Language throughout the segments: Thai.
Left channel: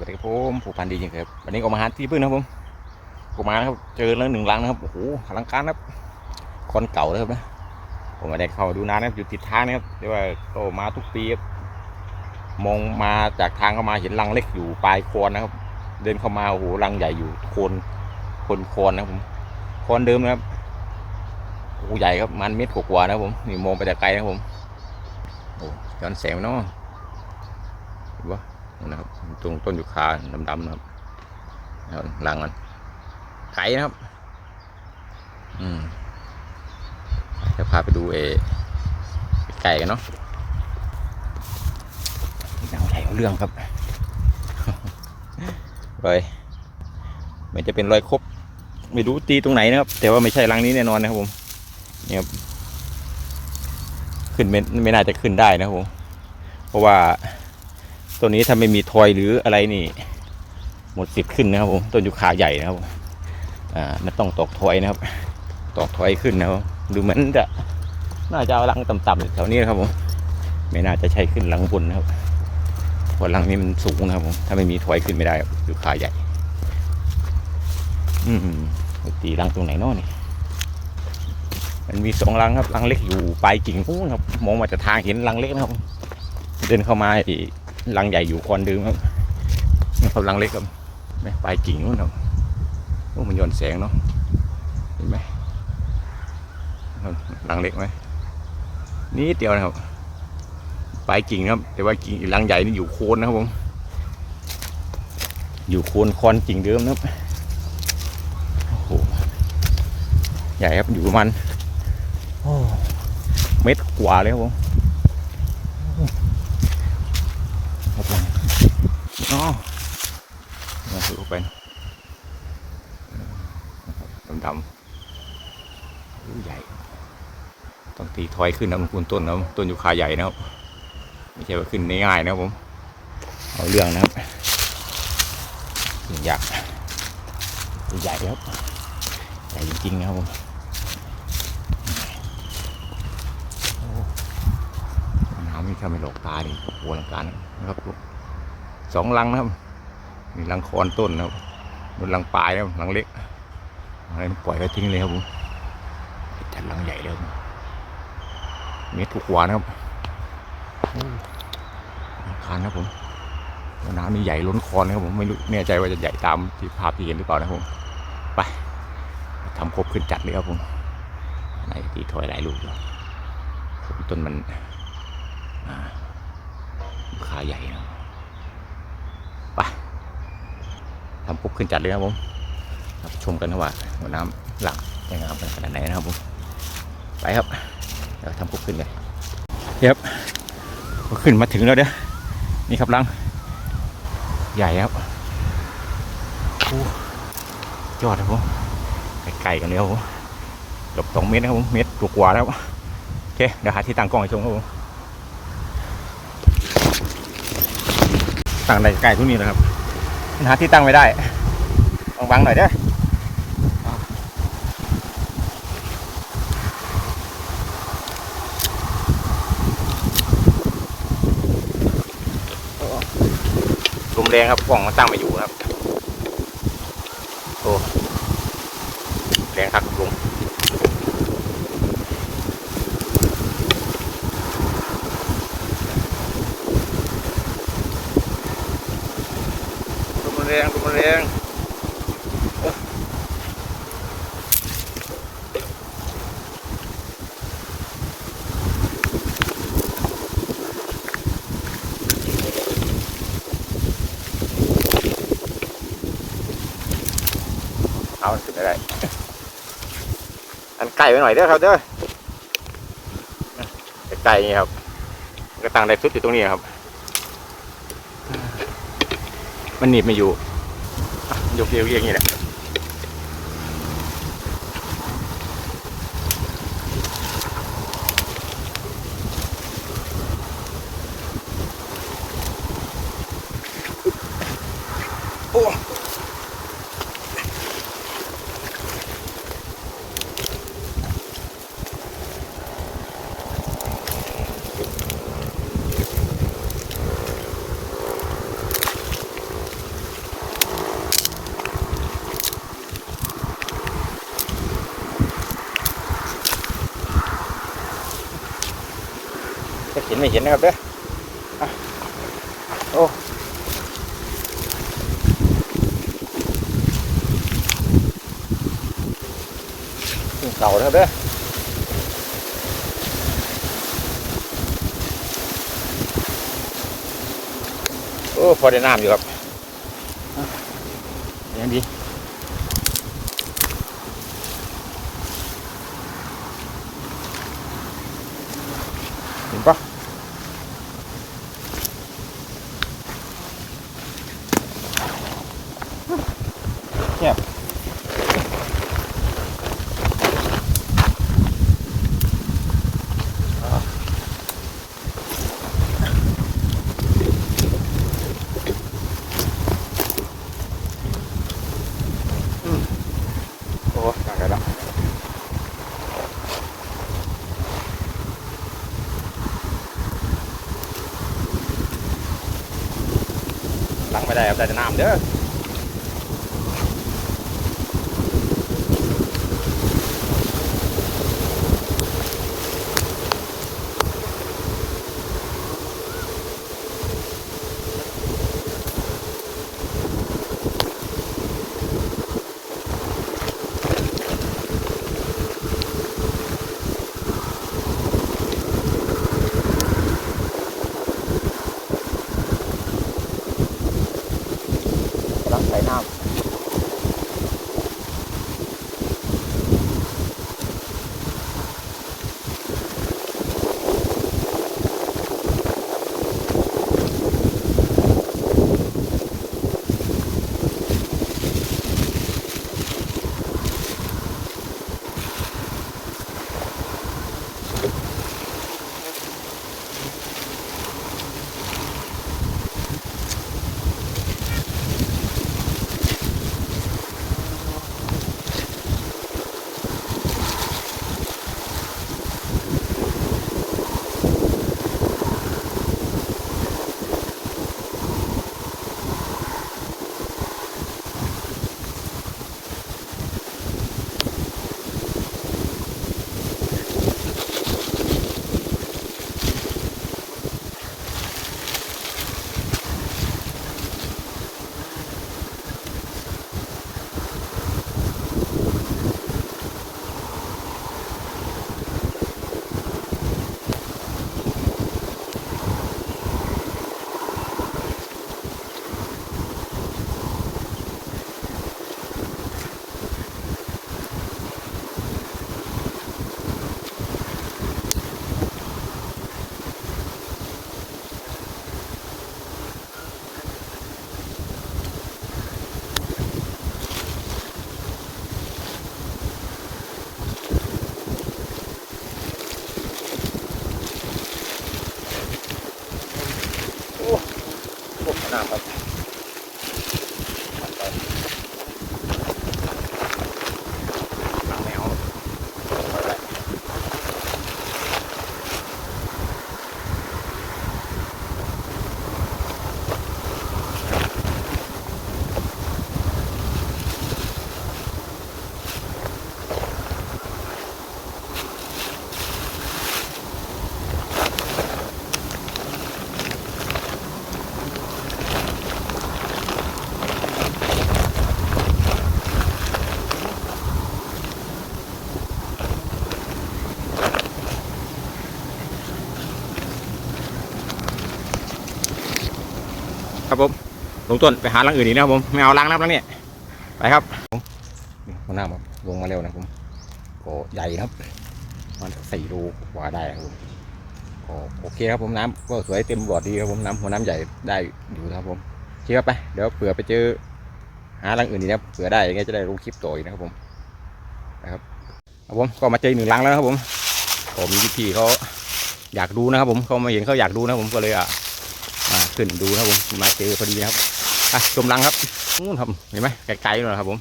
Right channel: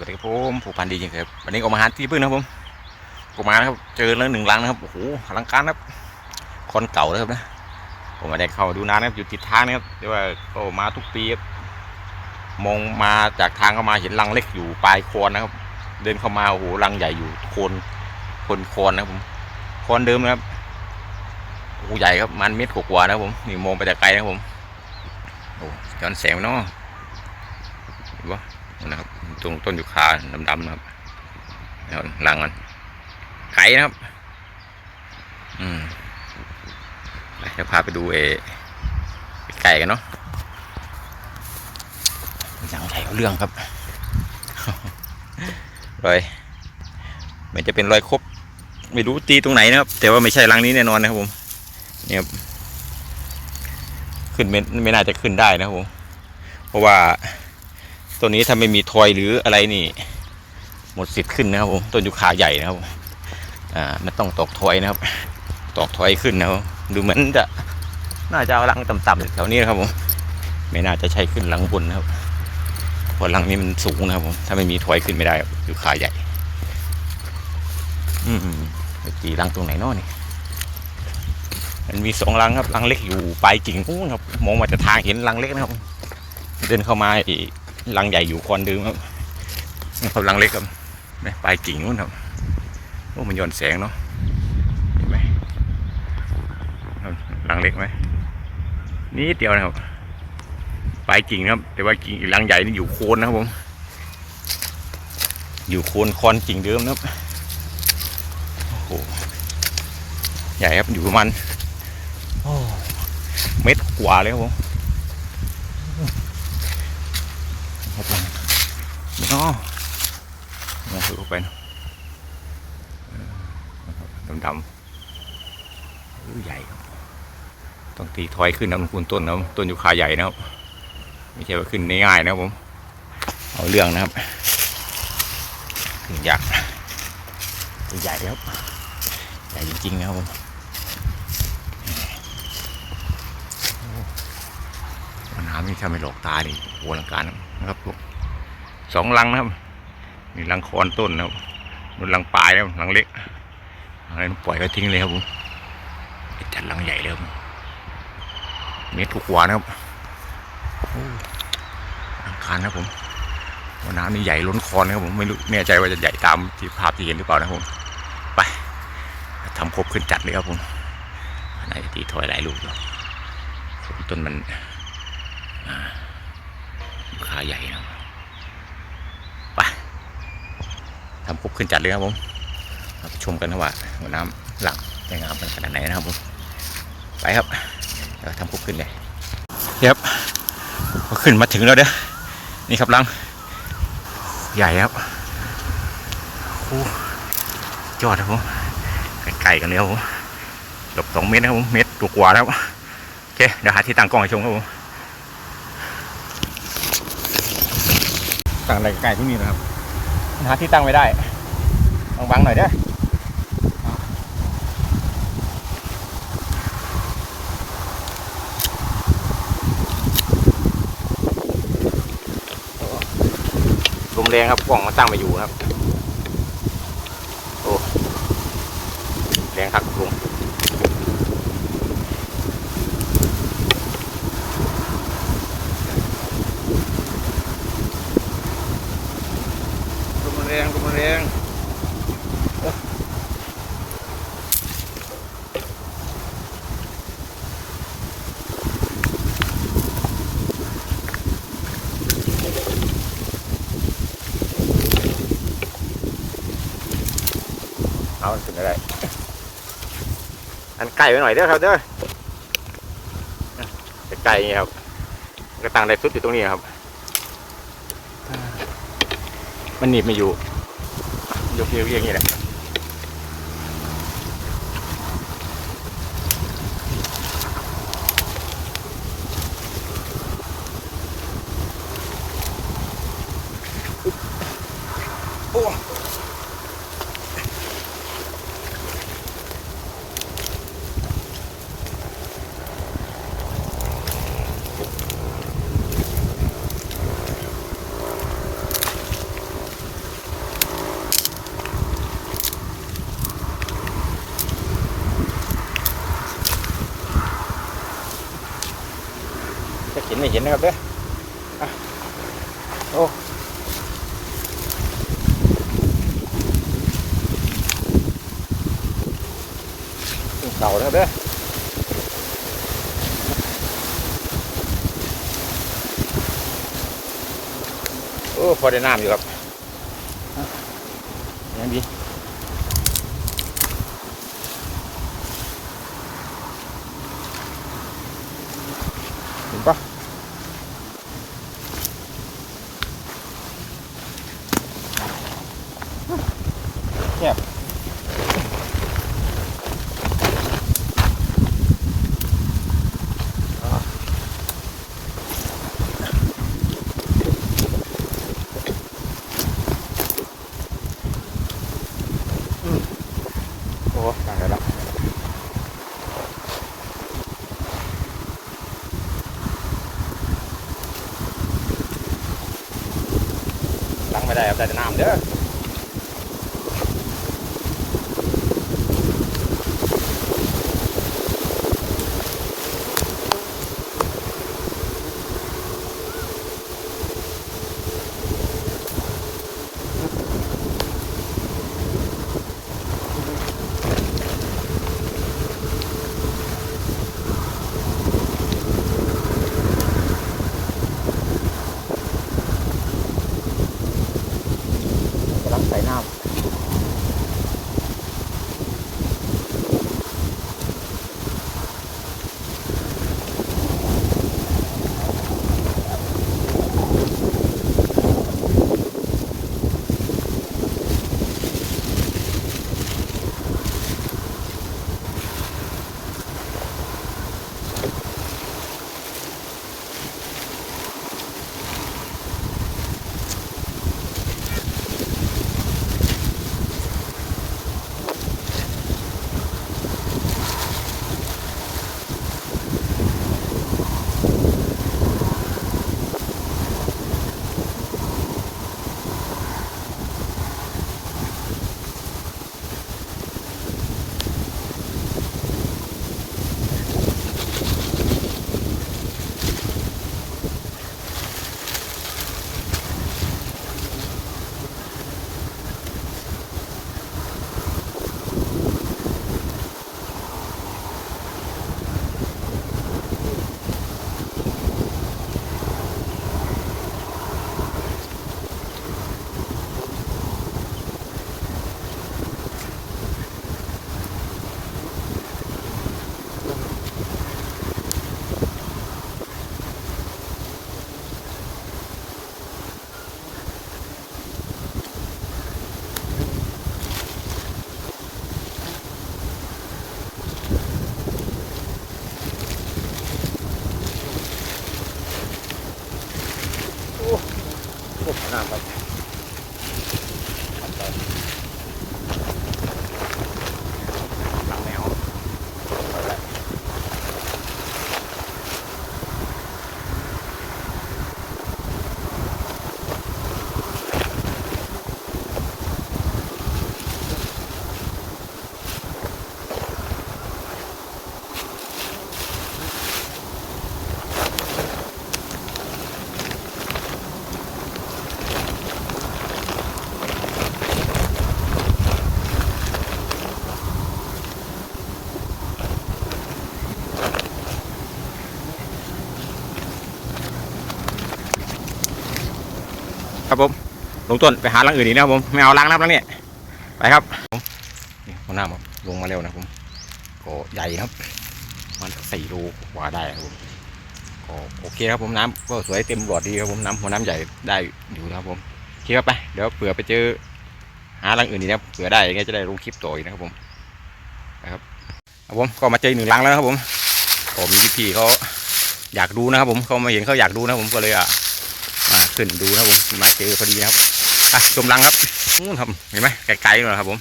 วัสดีครับผมผู้พันดีจริงครับวันนี้ก็มาหาที่พึ่งนะครับผมก็มานะครับเจอแล้วหนึ่งลังนะครับโอ้โหอลังการครับคนเก่านะครับนะผมม่ได้เข้าดูนานนะครับอยู่ติดทางนะครับเดี๋ยวว่าก็มาทุกปีครับมองมาจากทางเข้ามาเห็นลังเล็กอยู่ปลายโคนนะครับ เดินเข้ามาโอ้โหลังใหญ่อยู่โคนโคนโคนนะครับผมโคนเดิมนะครับโอ้ใหญ่ครับมันเม็ดกว่านะครับผมนี่มองไปแต่ไกลนะครับผมโอ้ย้อนแสงเนาะเห็นปะ นะครับตรงต้นยูคาดำๆนะครับแล้วรังมันไก่นะครับ อืมไปเดี๋ยวพาไปดูเอไก่กันเนาะยังใหญ่เอาเรื่องครับรอยมันจะเป็นรอยครบไม่รู้ตีตรงไหนนะครับ แต่ว่าไม่ใช่รังนี้แน่นอนนะครับผมเนี่ยครับขึ้นไม่ไม่น่าจะขึ้นได้นะครับผมเพราะว่า ตัวนี้ถ้าไม่มีทอยหรืออะไรนี่ หมดสิทธิ์ขึ้นนะครับผมต้นยูคาใหญ่นะครับผมอ่ามันต้องตอกทอยนะครับ ตอกทอยขึ้นนะครับดูเหมือนจะน่าจะเอาลังต่ำๆแถวนี้นะครับผมไม่น่าจะใช่ขึ้นลังบนนะครับเพราะลังนี้มันสูงนะครับผมถ้าไม่มีทอยขึ้นไม่ได้ครับยูคาใหญ่ อืมไปตีลังตรงไหนเนาะนี่มันมีสองลังครับลังเล็กอยู่ปลายกิ่งนู้นครับมองมาจากทางเห็นลังเล็กนะครับ เดินเข้ามาอีก ลังใหญ่อยู่คอนเดิมครับนี่ครับลังเล็กครับไม่ปลายกิ่งนู้นครับโอ้มันย้อนแสงเนาะเห็นไหมครับลังเล็กไหมนี่เดียวนะครับปลายกิ่งครับ แต่ว่ากิ่งอีกลังใหญ่นี่อยู่โคนนะครับผม อยู่โคนคอนกิ่งเดิมนะครับโอ้โหใหญ่ครับอยู่ประมาณโอ้เม็ดกว่าเลยครับผม ครับผม อ๋อมองเข้าไปนะดำๆใหญ่ครับ ต้องตีถอยขึ้นนะมันคูณต้นนะต้นยูคาใหญ่นะครับ ไม่ใช่ว่าขึ้นง่ายๆนะผม เอาเรื่องนะครับขึ้นยากตัวใหญ่ครับ ใหญ่จริงๆนะครับผมโอ้น้ำนี่ถ้าไม่หลอกตาดิโอ้โหอลังการนะครับผม สองลังนะครับมีลังคอนต้นนะครับนู่นลังปลายนะครับลังเล็กอะไรปล่อยก็ทิ้งเลยครับผมจัดลังใหญ่เลยครับเมตรถูกวานะครับอ้ลังคานนะผมว่าน้ำนี่ใหญ่ล้นคอนนะครับผมไม่รู้แน่ใจว่าจะใหญ่ตามที่ภาพที่เห็นหรือเปล่านะครับผมไปทำครบขึ้นจัดเลยครับผมนจะตีถอยหลายลูกอยู่ต้นมันอ่าขาใหญ่นะครับ ทำครบขึ้นจัดเลยครับผมมาชมกันนะว่าหัวน้ำหลังจะงามขนาดไหนนะครับผมไปครับเดี๋ยวทำครบขึ้นเลยครับขึ้นมาถึงแล้วเด้อนี่ครับลัง ใหญ่ครับโอ้ยอดครับผมไกลๆกันเลยครับผมเกือบสองเมตรนะครับผมเมตรตัวกว่าแล้วโอเคเดี๋ยวหาที่ตั้งกล้องให้ชมครับผมตั้งใกล้ๆตรงนี้นะครับ หาที่ตั้งไม่ได้ต้องบังหน่อยเด้อลมแรงครับกล่องมันตั้งไม่อยู่ครับ โอ้ แรงคักกับลมลมแรงลมแรงเอาขึ้นไม่ได้ อัน ไก่ไว้หน่อยเด้อครับเด้อไก่นี่ครับกระตังได้สุดอยู่ตรงนี้ครับ มันหนีบไม่อยู่ยกเรียกอย่างนี้แหละ ไม่เห็นนะครับเด้ออะโอ้เสานะครับเด้อโอ้พอได้น้ำอยู่ครับยังดีเห็นปะแคบโอ้ตายแล้ว ใส่น้ำเด้อ ครับ ครับผมลงต้นไปหาลังอื่นอีกนะครับผมไม่เอาล้างน้ำแล้วเนี่ยไปครับผมนี่หัวหน้าครับลงมาเร็วนะผมก็ใหญ่นะครับมันสักสี่รูกว่าได้ครับผมก็โอเคครับผมน้ำก็สวยเต็มหลอดดีครับผมน้ำหัวน้ำใหญ่ได้อยู่นะครับผมโอเคครับไปเดี๋ยวเผื่อไปเจอหาลังอื่นอีกนะเผื่อได้ยังไงจะได้ลงคลิปต่ออีกนะครับผมไปครับครับผมก็มาเจอหนึ่งลังแล้วครับผมก็มีพี่เขาอยากดูนะครับผมเขามาเห็นเขาอยากดูนะผมก็เลยอะ ขึ้นดูนะครับผมมาเจอพอดีนะครับอะชมรังครับนู่นครับเห็นไหมไกลๆเลยนครับผม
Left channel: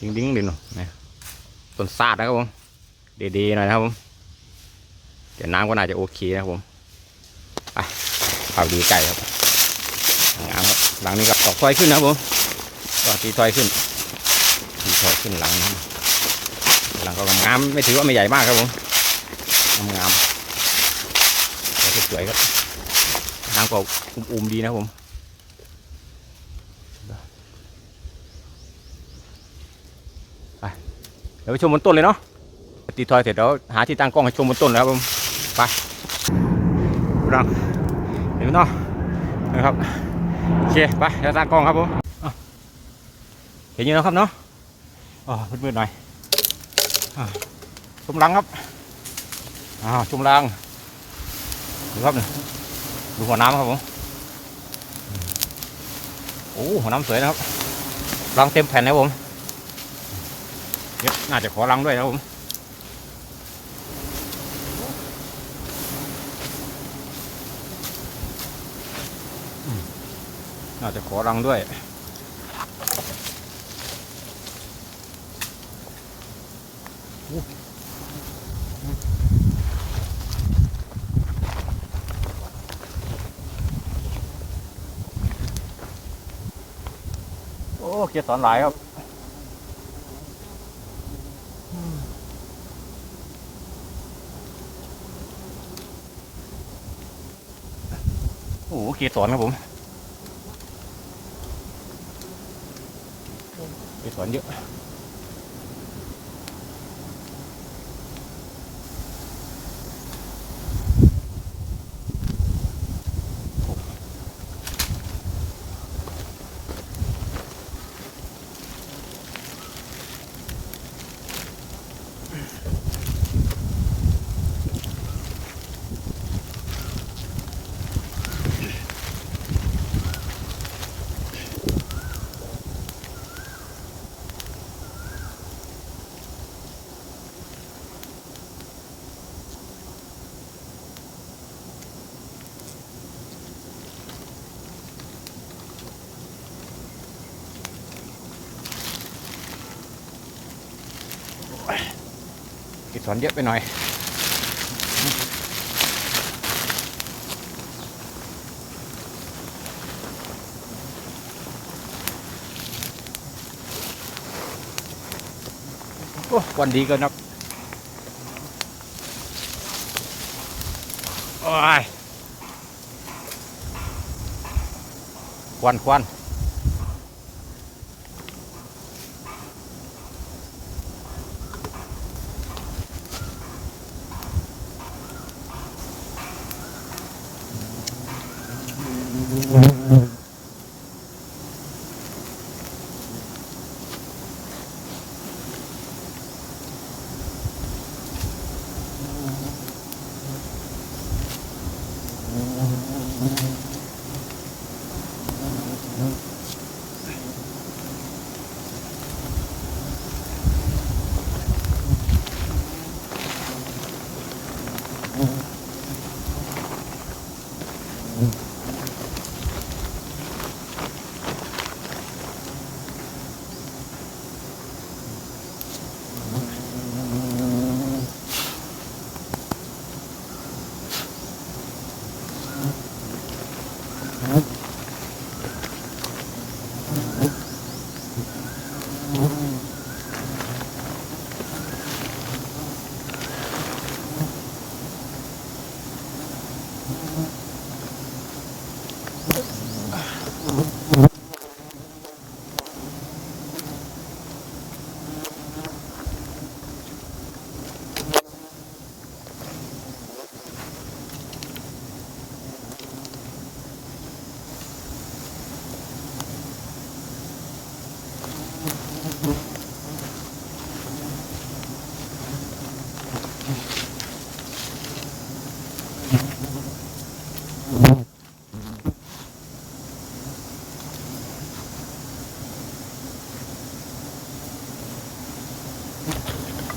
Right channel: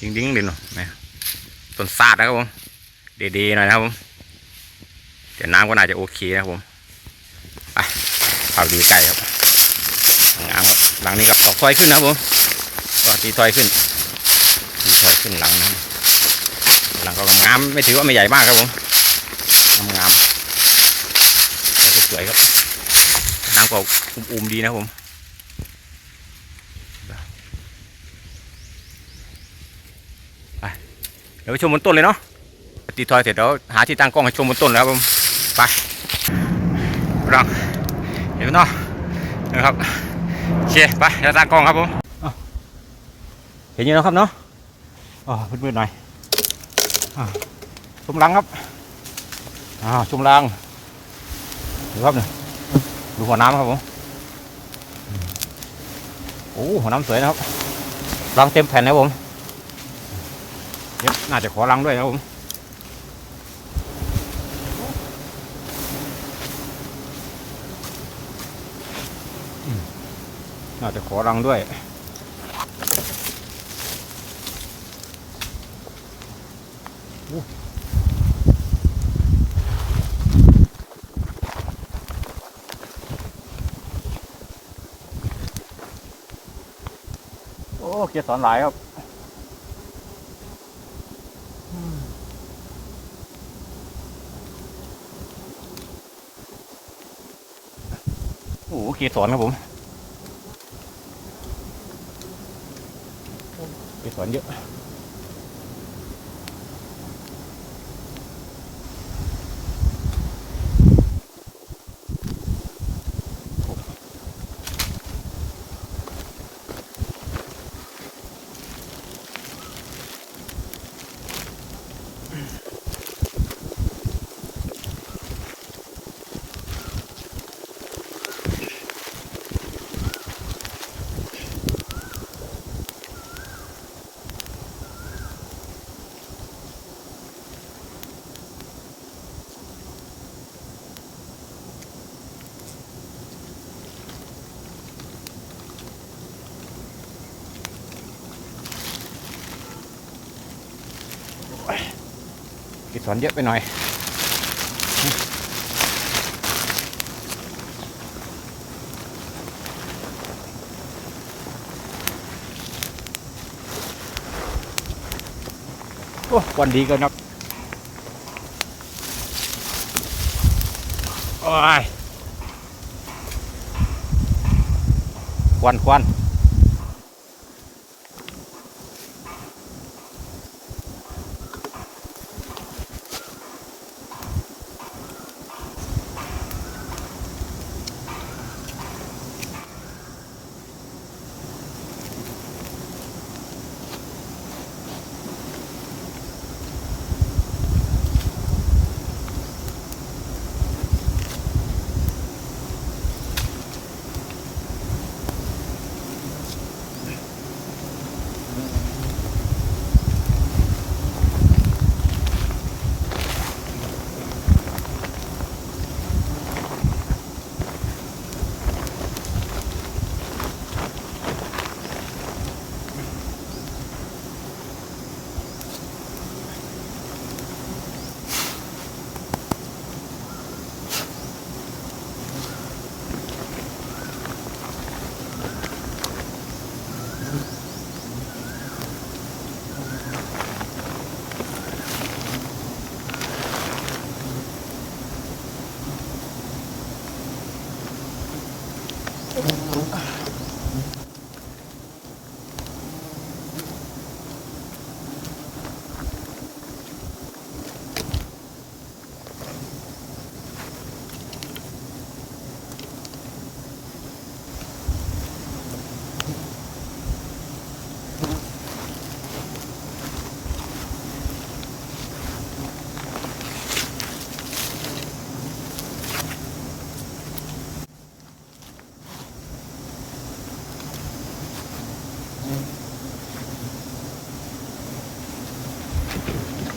ดิ้งดิ้งๆดินเนาะนะต้นซาดนะครับผมเดๆหน่อยนะครับผมเดี๋ยวน้ำก็น่าจะโอเคนะครับผมไปเอาดีไก่ครับงามครับหลังนี้กับตอกถอยขึ้นนะครับผมก็ตีถอยขึ้นตีถอยขึ้นหลังนะครับหลังก็งามไม่ถือว่าไม่ใหญ่มากครับผมงามสวยๆครับ น้ำก็อุ่มๆดีนะผมไปเดี๋ยวไปชมบนต้นเลยเนาะตีทอยเสร็จแล้วหาที่ตั้งกล้องให้ชมบนต้นแล้วครับผมไปรังเห็นไหมเนาะนะครับโอเคไปเราตั้งกล้องครับผมเห็นอยู่แล้วครับเนาะอ๋อมืดๆหน่อยอ่าชมรังครับอ่าชมรังดูครับเนี่ย ดูหัวน้ำครับผมโอ้หัวน้ำสวยนะครับรังเต็มแผ่นนะผมเดี๋ยวน่าจะขอรังด้วยนะครับผมน่าจะขอรังด้วยโอ้ เกียร์สอนหลายครับโอ้โหเกียร์สอนครับผมเกียร์สอนเยอะ สอนเยอะไปหน่อย โอ้วันดีก็นับโอ้ยควันควัน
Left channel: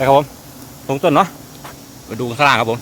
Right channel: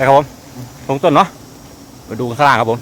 นะครับผมตรงต้นเนาะไปดูข้างล่างครับผม